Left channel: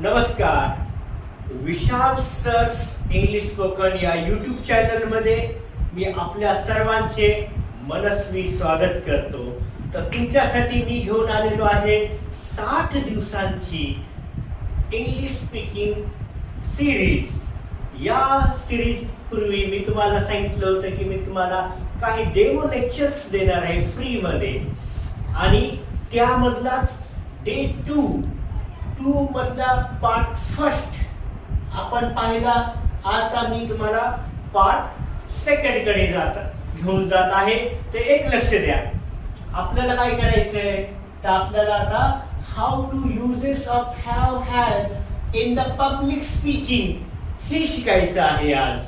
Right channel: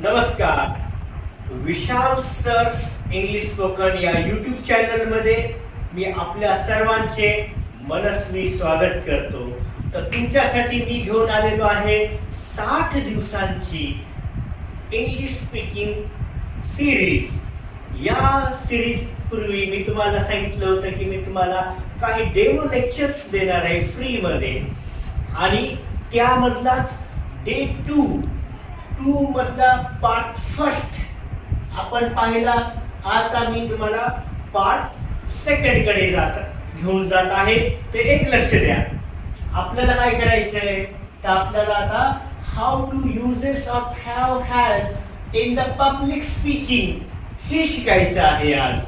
नमस्कार. विशाल सर्स English spoken या यूट्यूब चॅनल मध्ये मी आपल्या सर्वांचे मनस्वी स्वागत करतो. तर तुमच्यासाठी मी घेऊन आलेलो आहे 60 दिवसांची इंग्लिश स्पीकिंग सिरीज. या सिरीज पूर्वी मी तुम्हाला सांगितलं होतं की मी तुम्हाला काही डेमो लेक्चर्स देणार आहे फ्री मध्ये, आणि त्यामधलाच डे 2 मधला पार्ट फर्स्ट आपण पाहिला. आता मी तुम्हाला पार्ट सेकंड कडे घेऊन जात आहे. ते एक लक्ष द्या. आपल्याला काय करायचंय तर आपल्याला आता how to uses of have has in the public speaking हे शिकायचं आहे आज.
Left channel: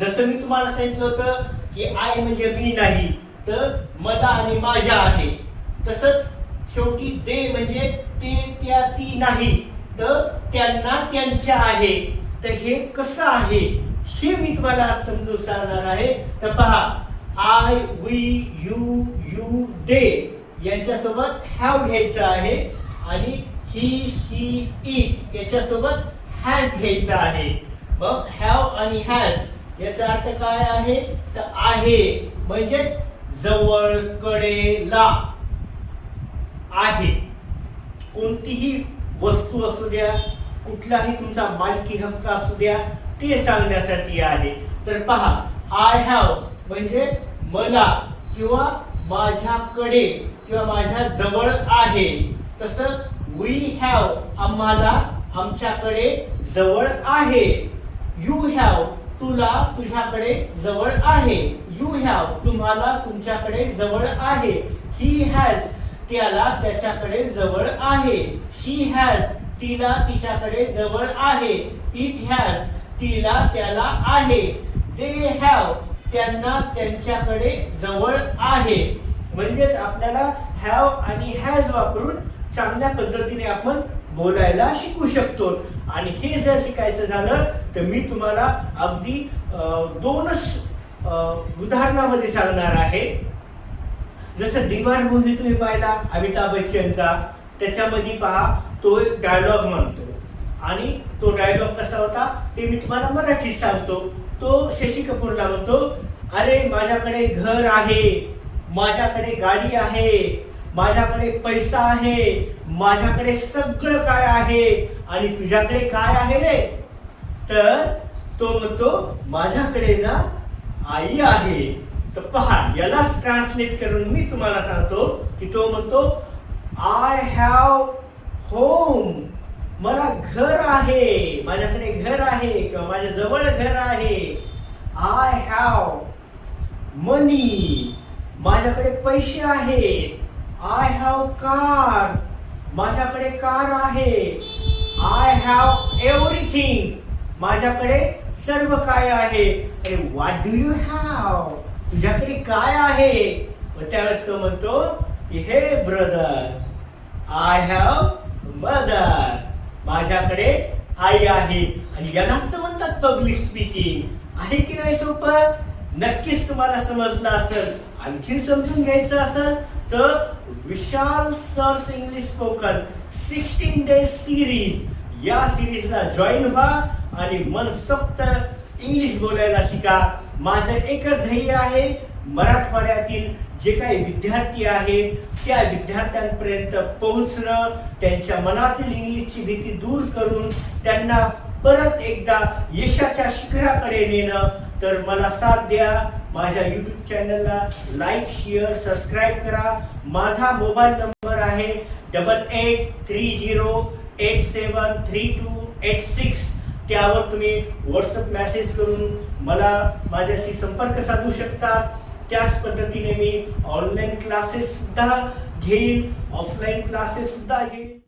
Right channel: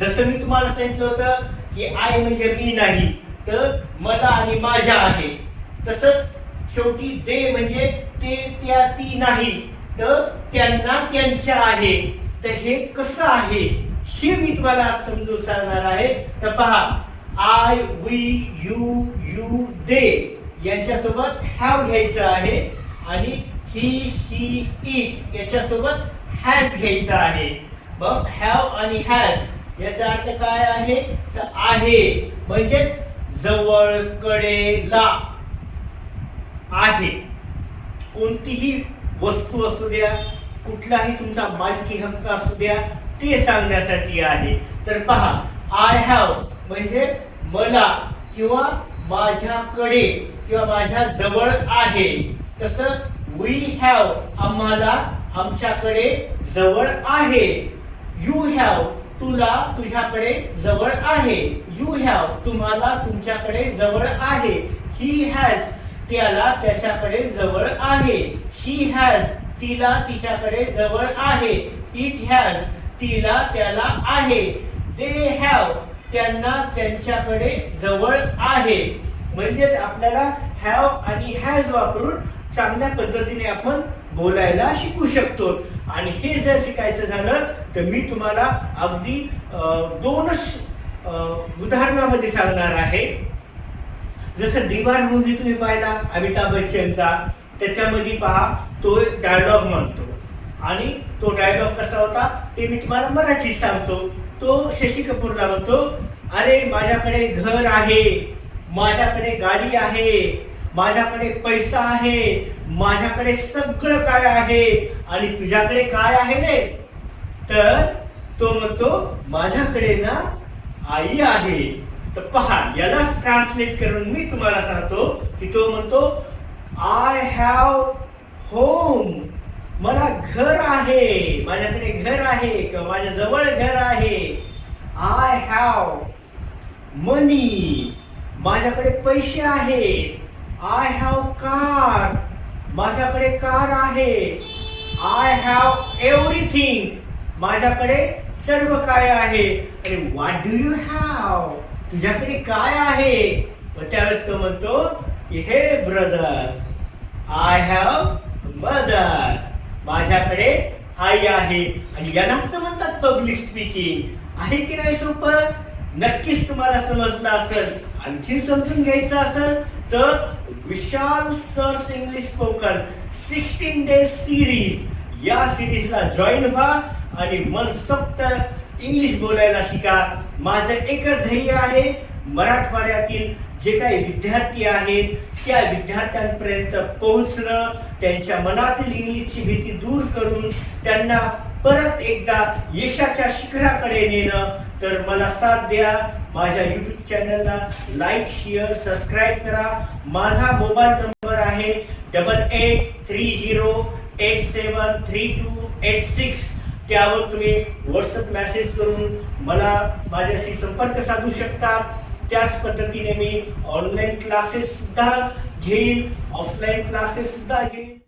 जसं मी तुम्हाला सांगितलं होतं की आय म्हणजे मी नाही तर मला आणि माझ्या आहे, तसंच शेवटी दे म्हणजे ते त्या ती नाही तर त्यांना त्यांच्या आहे. तर हे कसं आहे हे मी तुम्हाला समजून सांगणार आहे. तर पहा, आय, वी, यू, दे यांच्यासोबत हॅव घ्यायचं आहे आणि ही, शी, इट याच्यासोबत हॅज घ्यायचं आहे. मग हॅव आणि हॅज याचा अर्थ काय आहे तर आहे म्हणजेच जवळ, कडेला आहे. कोणतीही वस्तू असू द्या, कुठलाही तुमचा मालकी हक्क असू द्या, ते सांगण्यासाठी आहे. तर पहा, आय हॅव म्हणजे मला किंवा माझ्याकडे किंवा माझ्या जवळ आहे. तसं वी हॅव आम्हाला, आमच्याकडे जवळ आहे. यू हॅव तुला, तुझ्याकडे जवळ आहे. यू हॅव तुम्हाला, तुमच्याकडे जवळ आहे. ही हॅज त्याला, त्याच्याकडे जवळ आहे. शी हॅज तिला, तिच्याकडे जवळ आहे. इट हॅज तिला, त्याला आहे. दे हॅव त्यांना, त्यांच्याकडे जवळ आहे. म्हणजेच आपल्याला हॅव आणि हॅज वापरून चांगल्या पद्धतीने आपण बोलायला शिकू शकतो. आणि हे जर शिकायचं झालं तर मी तुम्हाला अगदी 2च उदाहरणामध्ये सांगणार आहे. जसं दीवार मूव्ही तुम्ही पाहिला अमिताभ बच्चनचा, त्याच्यामध्ये पहा तो एक डायलॉग म्हणतो आणि तो डायलॉग कसा होता ते मी तुम्हाला मराठीत सांगतो. तो शशी कपूरला म्हणतो, अरे माझ्याकडे घर आहे, माझ्याकडे गाडी आहे, माझ्याकडे पैसा आहे, माझ्याकडे सगळं काय आहे, आणि तुझ्याकडे काय आहे रे? तर तो म्हणतो माझ्याकडे ना आई आहे. तर पहा, यालाच ट्रान्सलेट करून मी तुम्हाला सांगतो की तो म्हणतो आय हॅव होम, मला घर आहे, माझ्याकडे घर आहे किंवा माझ्या जवळ घर आहे. आय हॅव मनी, माझ्याकडे पैसे आहेत. आय हॅव कार, माझ्याकडे कार आहे. आय हॅव एव्हरीथिंग, माझ्याकडे सर्व काय आहे. अरे व्हॉट डू यू हॅव, तुझ्याकडे काय आहे? मग त्यावेळेस तो म्हणतो हे ब्रदर, आय हॅव मदर, माझ्याकडे आई आहे. आणि यालाच तर म्हणतात पब्लिक स्पीकिंग. आहे की नाही सोपं? नक्कीच तुम्हाला समजलं असेल. आणखी समजून घ्यायचं असेल तर विशाल सर्स इंग्लिश स्पोकन 16 डेज सिरीज या सिरीजला जॉईन व्हा आणि मनसोक्त इंग्लिश बोलायला शिका. माझं एकच ध्येय आहे, मराठवाड्यातील जे काही विद्यार्थी आहेत त्या विद्यार्थ्यांपर्यंत पोहोचणं, त्यांच्या मनातील इंग्लिशची भीती दूर करून त्यांना परत एकदा यशाच्या शिखराकडे नेणं. तर मला साथ द्या. माझ्या यूट्यूब चॅनलला लाईक, शेअर, सबस्क्राईब करा. माझा मोबाईल नंबर आहे 8830873286. त्यावर तुम्ही व्हॉट्सअप मेसेज करून मला माझ्याशी संपर्क साधू शकता. त्याच पद्धतीने मी ऑनलाईन क्लासेस सुद्धा घेईन, ऑफलाईन क्लासेस सुद्धा घेईन.